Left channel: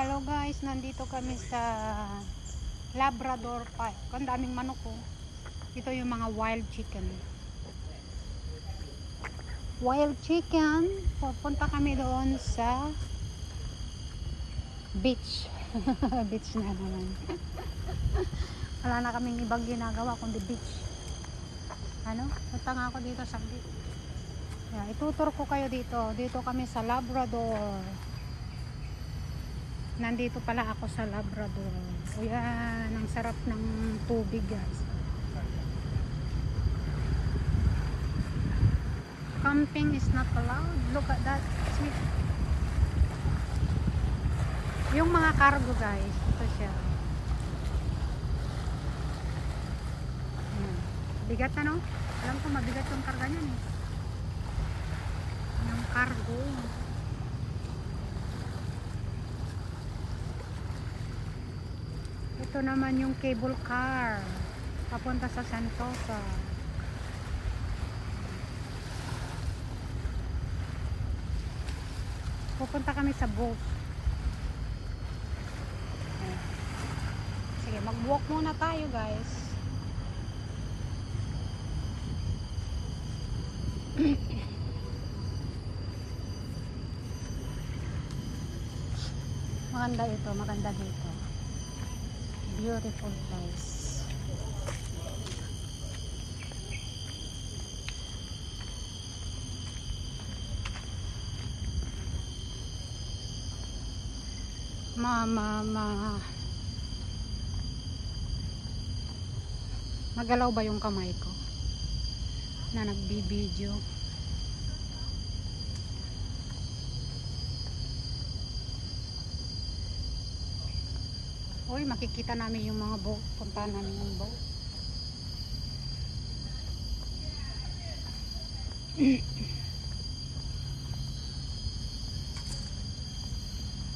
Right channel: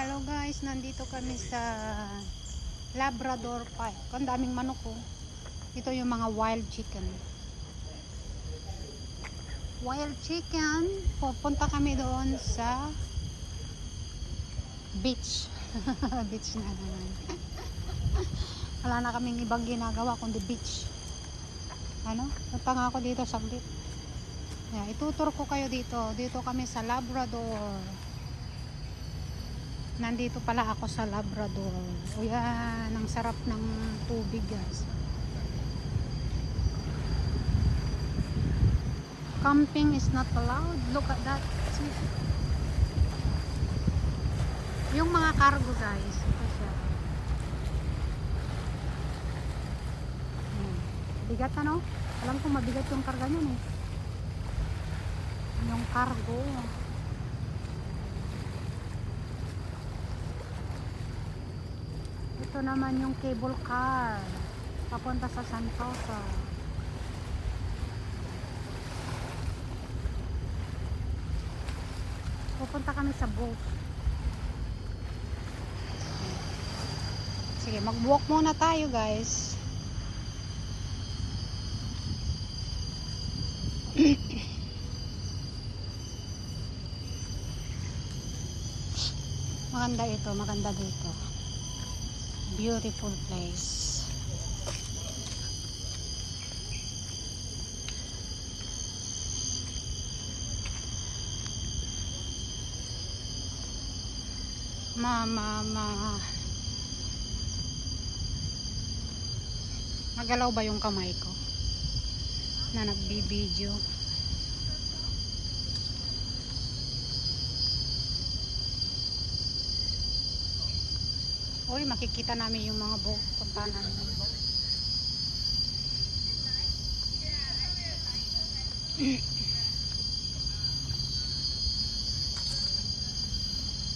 Hello guys, nandito kami sa Labrador Park. Ang daming manok ko. Ito yung mga wild chicken. Wild chicken. Pupunta kami doon sa beach. Beach na naman. Wala na kaming ibang ginagawa kundi beach. Punta nga ako dito sa beach. Itutur ko kayo dito. Dito kami sa Labrador. Nandito pala ako sa Labrador. O yan, ang sarap ng tubig guys. Camping is not allowed. Look at that. See? Yung mga cargo guys, ito siya. Ayan. Bigat ano? Alam ko mabigat yung karga niyan eh. Yung cargo. Ito naman yung cable car papunta sa Sentosa. Pupunta kami sa boat. Sige, mag-walk muna tayo guys. Maganda ito, maganda dito. Beautiful place. Magalaw ba yung kamay ko na nagbibideo? Uy, makikita namin yung mga boat. Punta namin yung boat.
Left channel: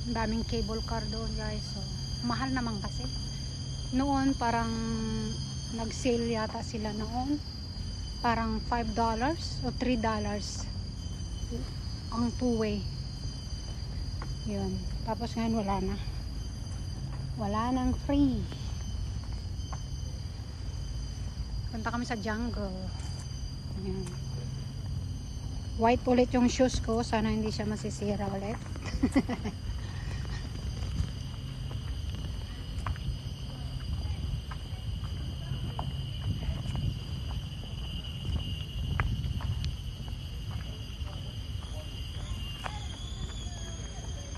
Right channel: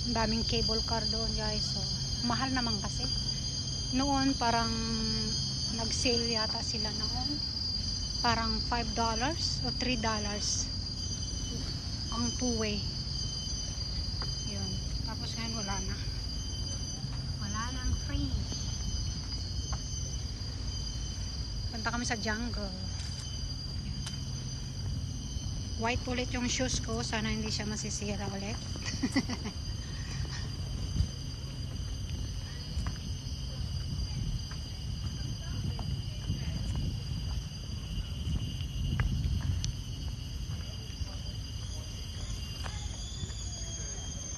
Ang daming cable car doon guys. So, mahal naman kasi. Noon parang nag-sale yata sila noon. Parang $5 o $3 ang two-way. Yun. Tapos ngayon wala na. Wala nang free. Punta kami sa jungle. White ulit yung shoes ko. Sana hindi siya masisira ulit.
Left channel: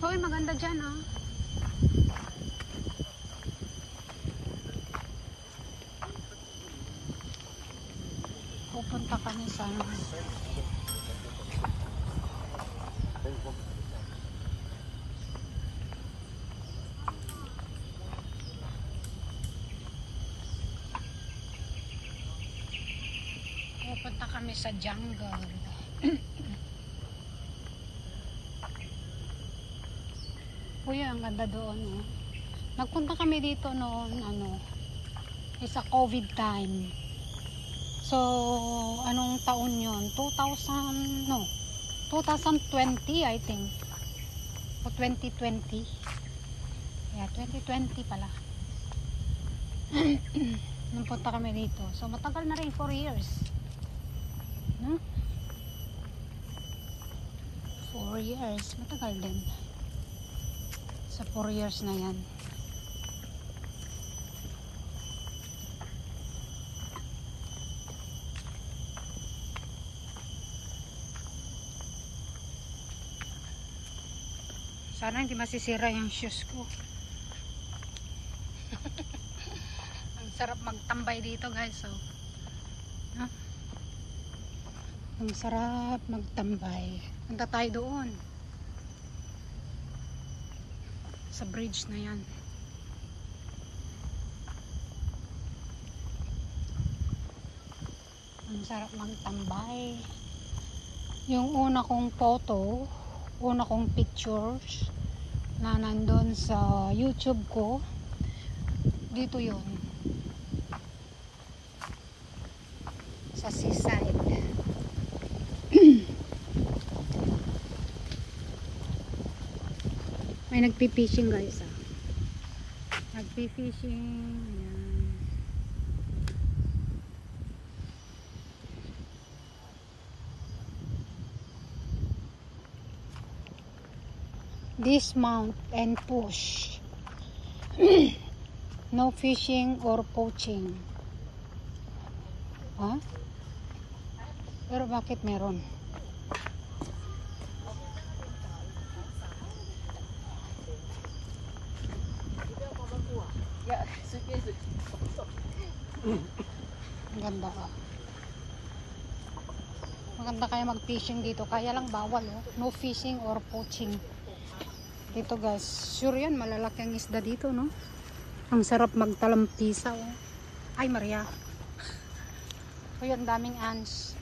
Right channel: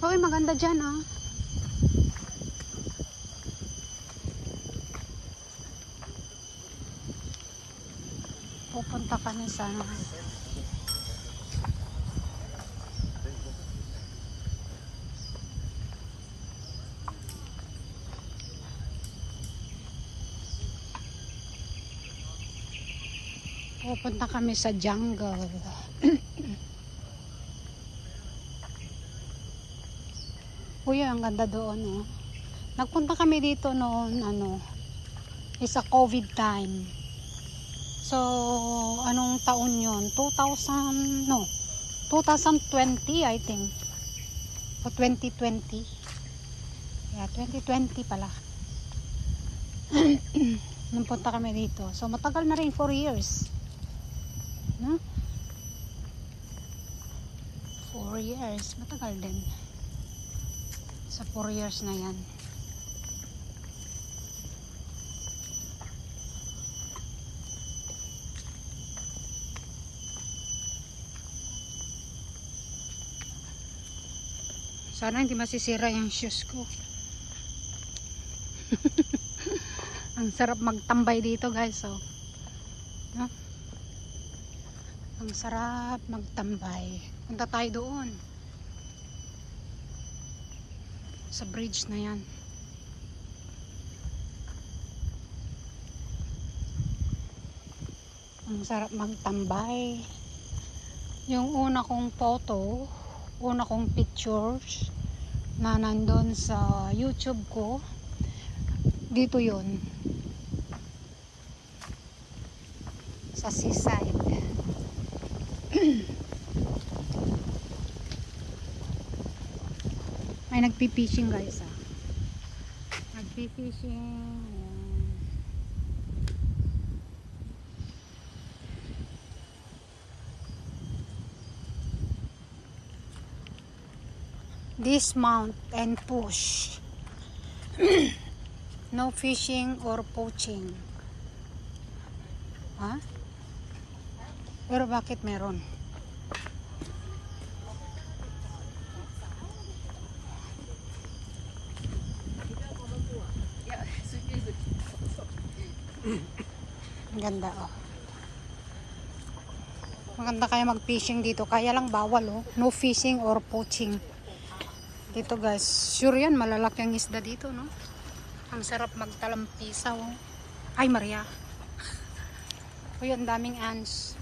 Hoy, maganda dyan ah. Pupunta kami sa jungle. Uy, ang ganda doon eh. Nagpunta kami dito noon is a COVID time. So, anong taon yun? 2020 I think. O 2020. Yeah, 2020 pala. Nung punta kami dito. So, matagal na rin 4 years. 4 years. Matagal din. Sa 4 years na yan. Sana hindi masisira yung shoes ko. Ang sarap magtambay dito guys. So, ang sarap magtambay. Punta tayo doon. Sa bridge na yan. Ang sarap magtambay. Yung una kong photo, una kong pictures na nandun sa YouTube ko, dito yun sa seaside. Ay, nagpi-fishing guys. Nagpi-fishing. Ayan. Dismount and push. No fishing or poaching. Ha? Pero bakit meron? Ang ganda oh. Maganda kaya mag-fishing dito. Kaya lang bawal oh. No fishing or poaching. Dito guys. Sure yan. Malalaki ang isda dito no. Ang sarap magtalampisaw oh. Ay Maria. Uy, ang daming ants.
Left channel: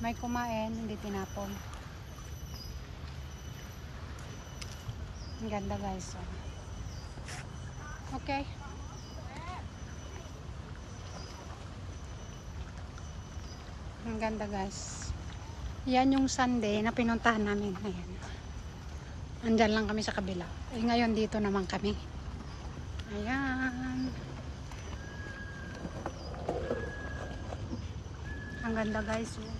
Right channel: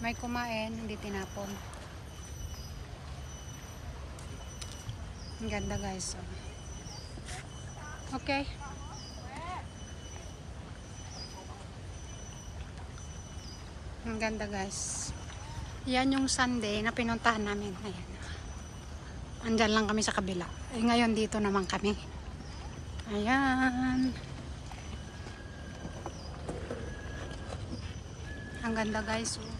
May kumain. Hindi tinapon. Ang ganda guys oh. Okay. Ang ganda guys. Yan yung Sunday na pinuntahan namin. Ayan. Andyan lang kami sa kabila. Eh, ngayon dito naman kami. Ayan. Ang ganda guys. Oh.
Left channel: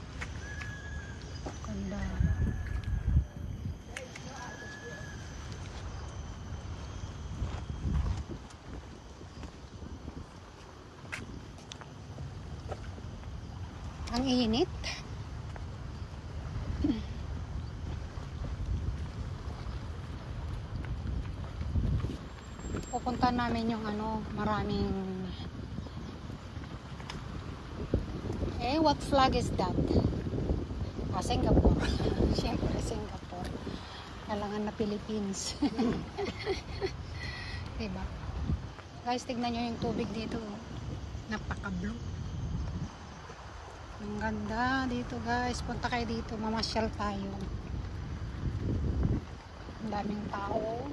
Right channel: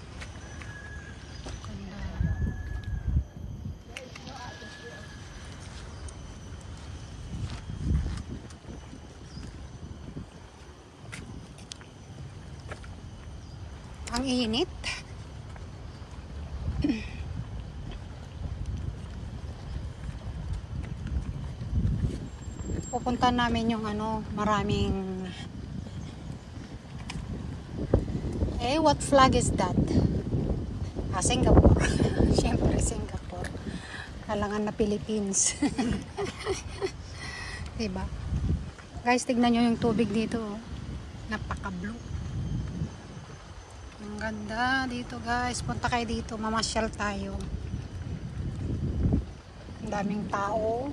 Ganda. Ang init. Pupunta namin yung ano, maraming what flag is that? Singapore. Siyempre Singapore. Kalangan na Philippines. Diba? Guys, tignan nyo yung tubig dito. Oh. Napaka-blue. Ang ganda dito guys. Punta kayo dito. Mamasyal tayo. Ang daming tao.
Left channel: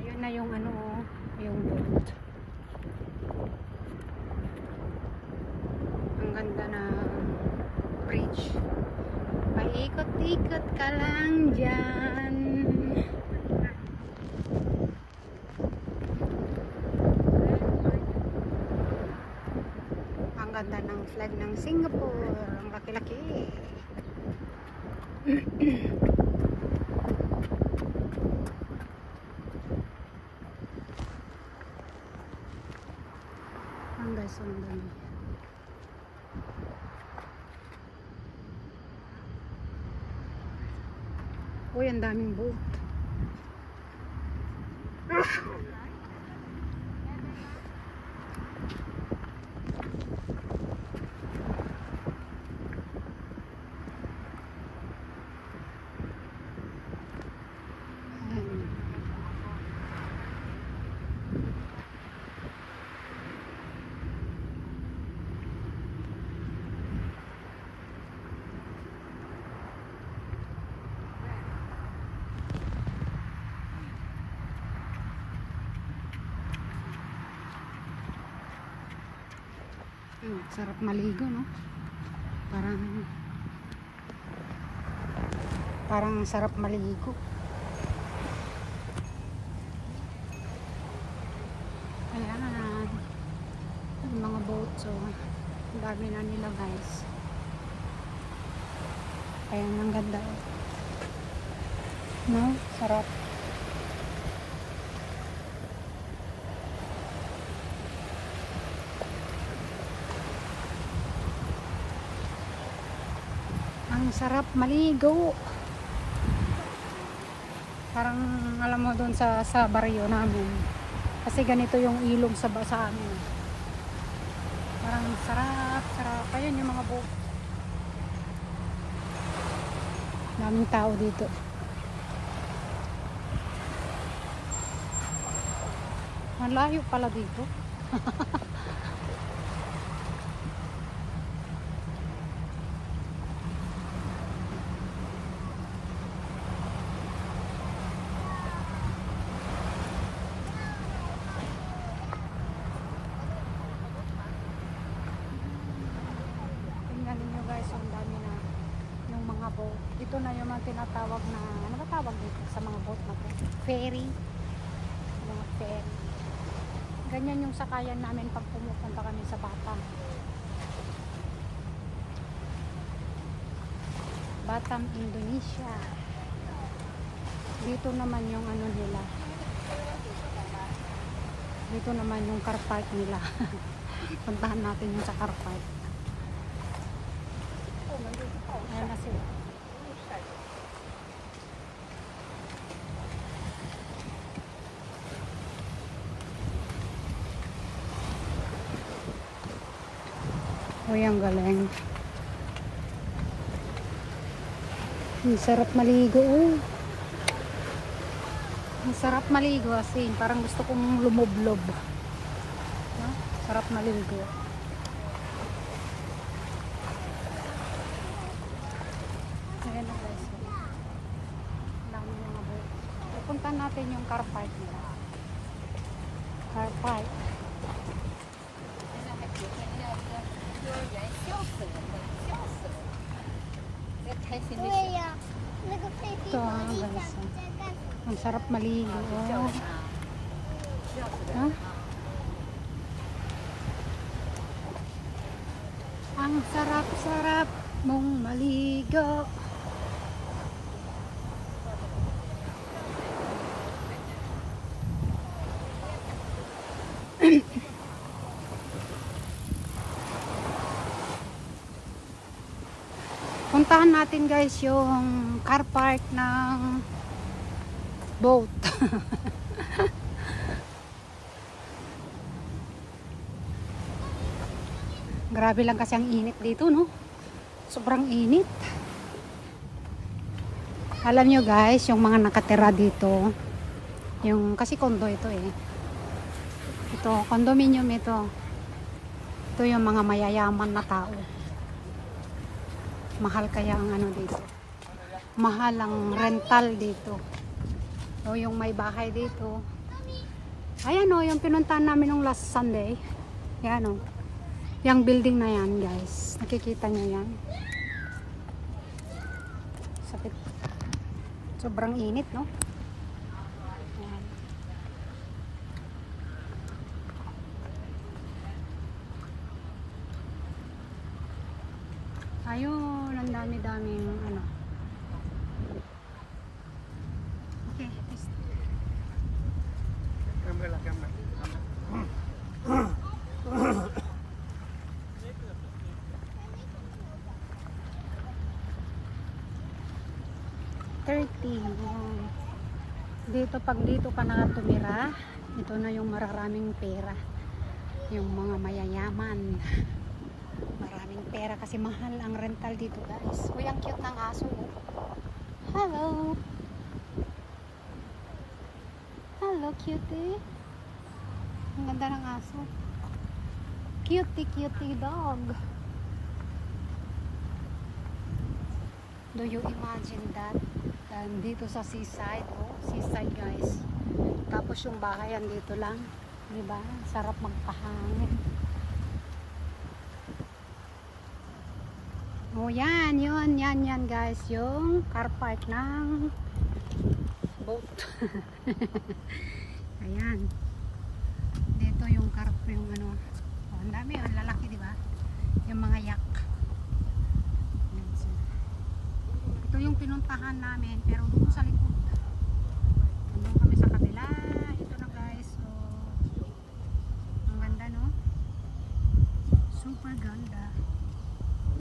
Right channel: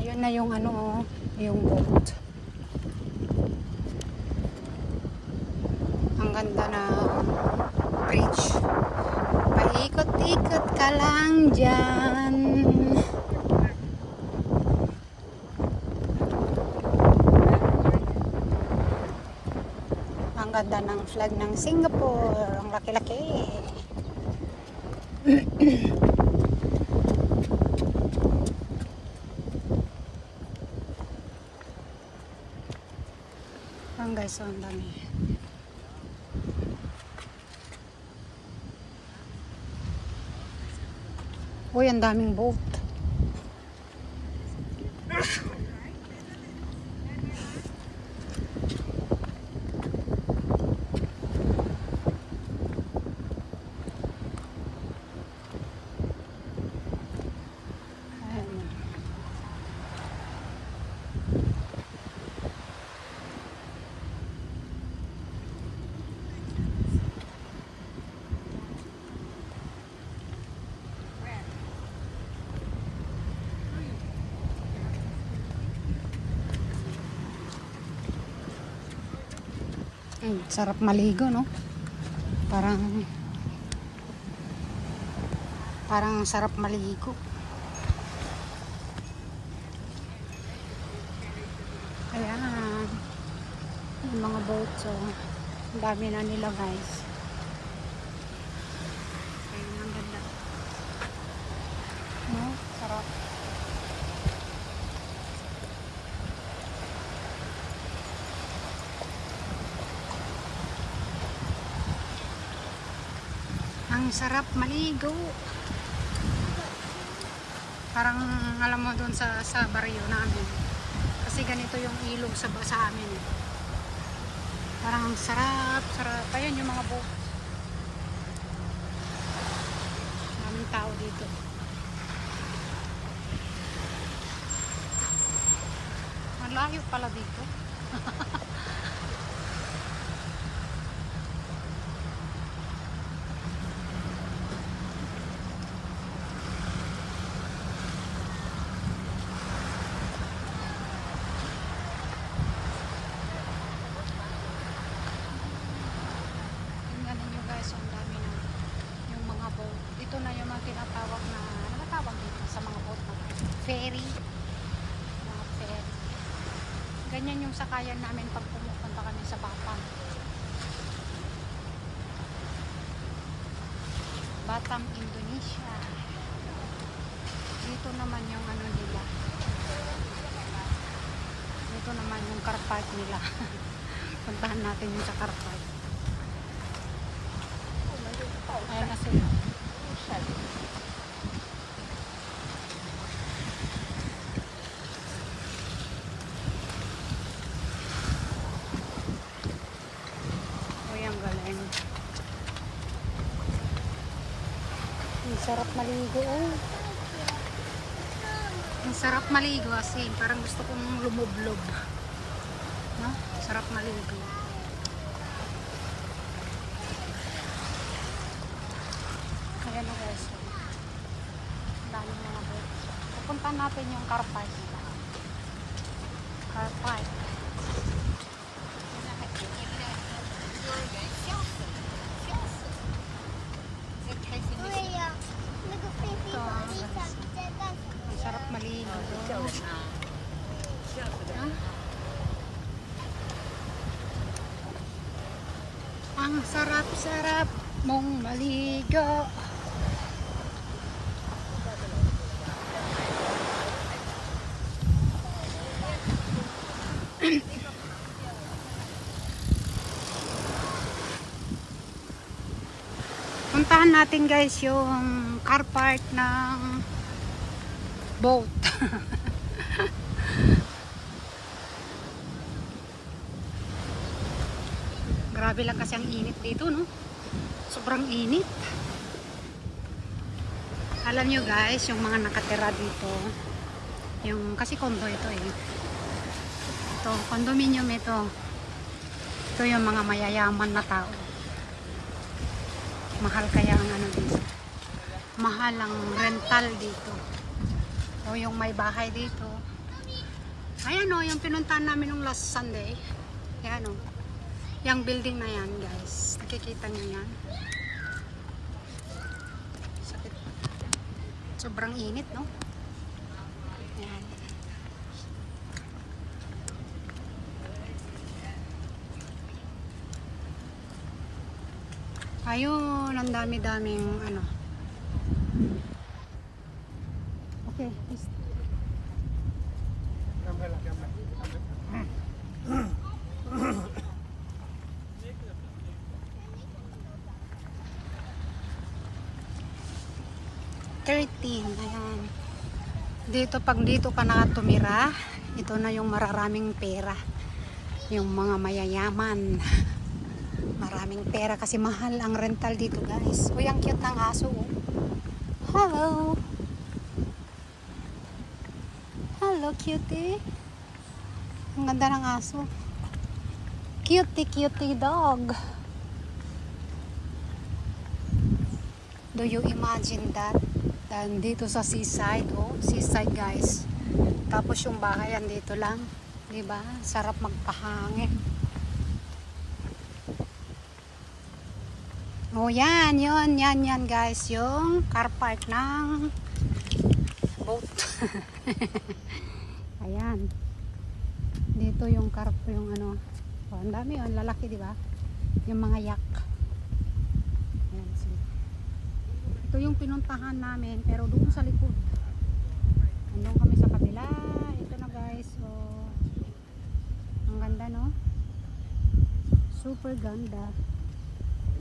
Ayun na yung ano oh. Yung boat. Ang ganda na bridge. Paikot-ikot ka lang dyan. Ang ganda ng flag ng Singapore. Ang laki-laki. Ang guys, ang dami. Uy, ang daming boat. Sarap maligo, no? Parang sarap maligo. Ayan. Yung mga boat, so ang dami na nila, guys. Ayan, ang ganda. No? Sarap. Ang sarap maligo. Parang alam mo doon sa baryo namin. Kasi ganito yung ilog sa amin. Parang sarap. Ayun yung mga boat. Daming tao dito. Malayo pala dito. So ang dami na yung mga boat. Ito na yung mga tinatawag na, ano ba tawag dito sa mga boat na to? Ferry. Mga ferry. Ganyan yung sakayan namin pag pumupunta kami sa Batam. Batam, Indonesia. Dito naman yung ano nila. Dito naman yung car park nila. Puntahan natin yung sa car park. Ayan na sila. O yung galing. Ang sarap maligo. Oh. Ang sarap maligo asin. Parang gusto kong lumoblob. No? Sarap maligo. Ayan na guys. So, dami mga boat. Pupuntahan natin yung car park nila. Car park. Ito guys. Ang sarap maligo. No? Ang sarap-sarap mong maligo. Puntahan natin guys yung car park ng boat. Grabe lang kasi ang init dito, no? Sobrang init. Alam nyo guys, yung mga nakatira dito, yung kasi condo ito eh. Ito, condominium ito. Ito yung mga mayayaman na tao. Mahal kaya ang ano dito. Mahal ang rental dito. O yung may bahay dito. Ayan o, yung pinuntahan namin nung last Sunday. Ayan o. Yung building na yan guys. Nakikita nyo yan. Sakit. Sobrang init, no? Ayan. Ayun, ang dami-daming ano. Okay. 13. Ayan. Dito, pag dito ka na tumira, ito na yung mararaming pera. Yung mga mayayaman. Maraming pera kasi mahal ang rental dito guys. Uy, ang cute ng aso. Oh. Hello. Hello, cutie. Ang ganda ng aso. Cutie, cutie dog. Do you imagine that? Dito sa seaside, oh, seaside guys. Tapos yung bahayan dito lang, 'di ba? Sarap magpahangin. Oh, yan guys, yung car park ng boat. Ayan. Dito yung car, yung ano. Oh, ang dami, ang lalaki, 'di ba? Yung mga yak. Ito yung pinuntahan namin, pero doon sa likod. Doon kami sa kabila. Ito na guys. So, ang ganda, no? Super ganda.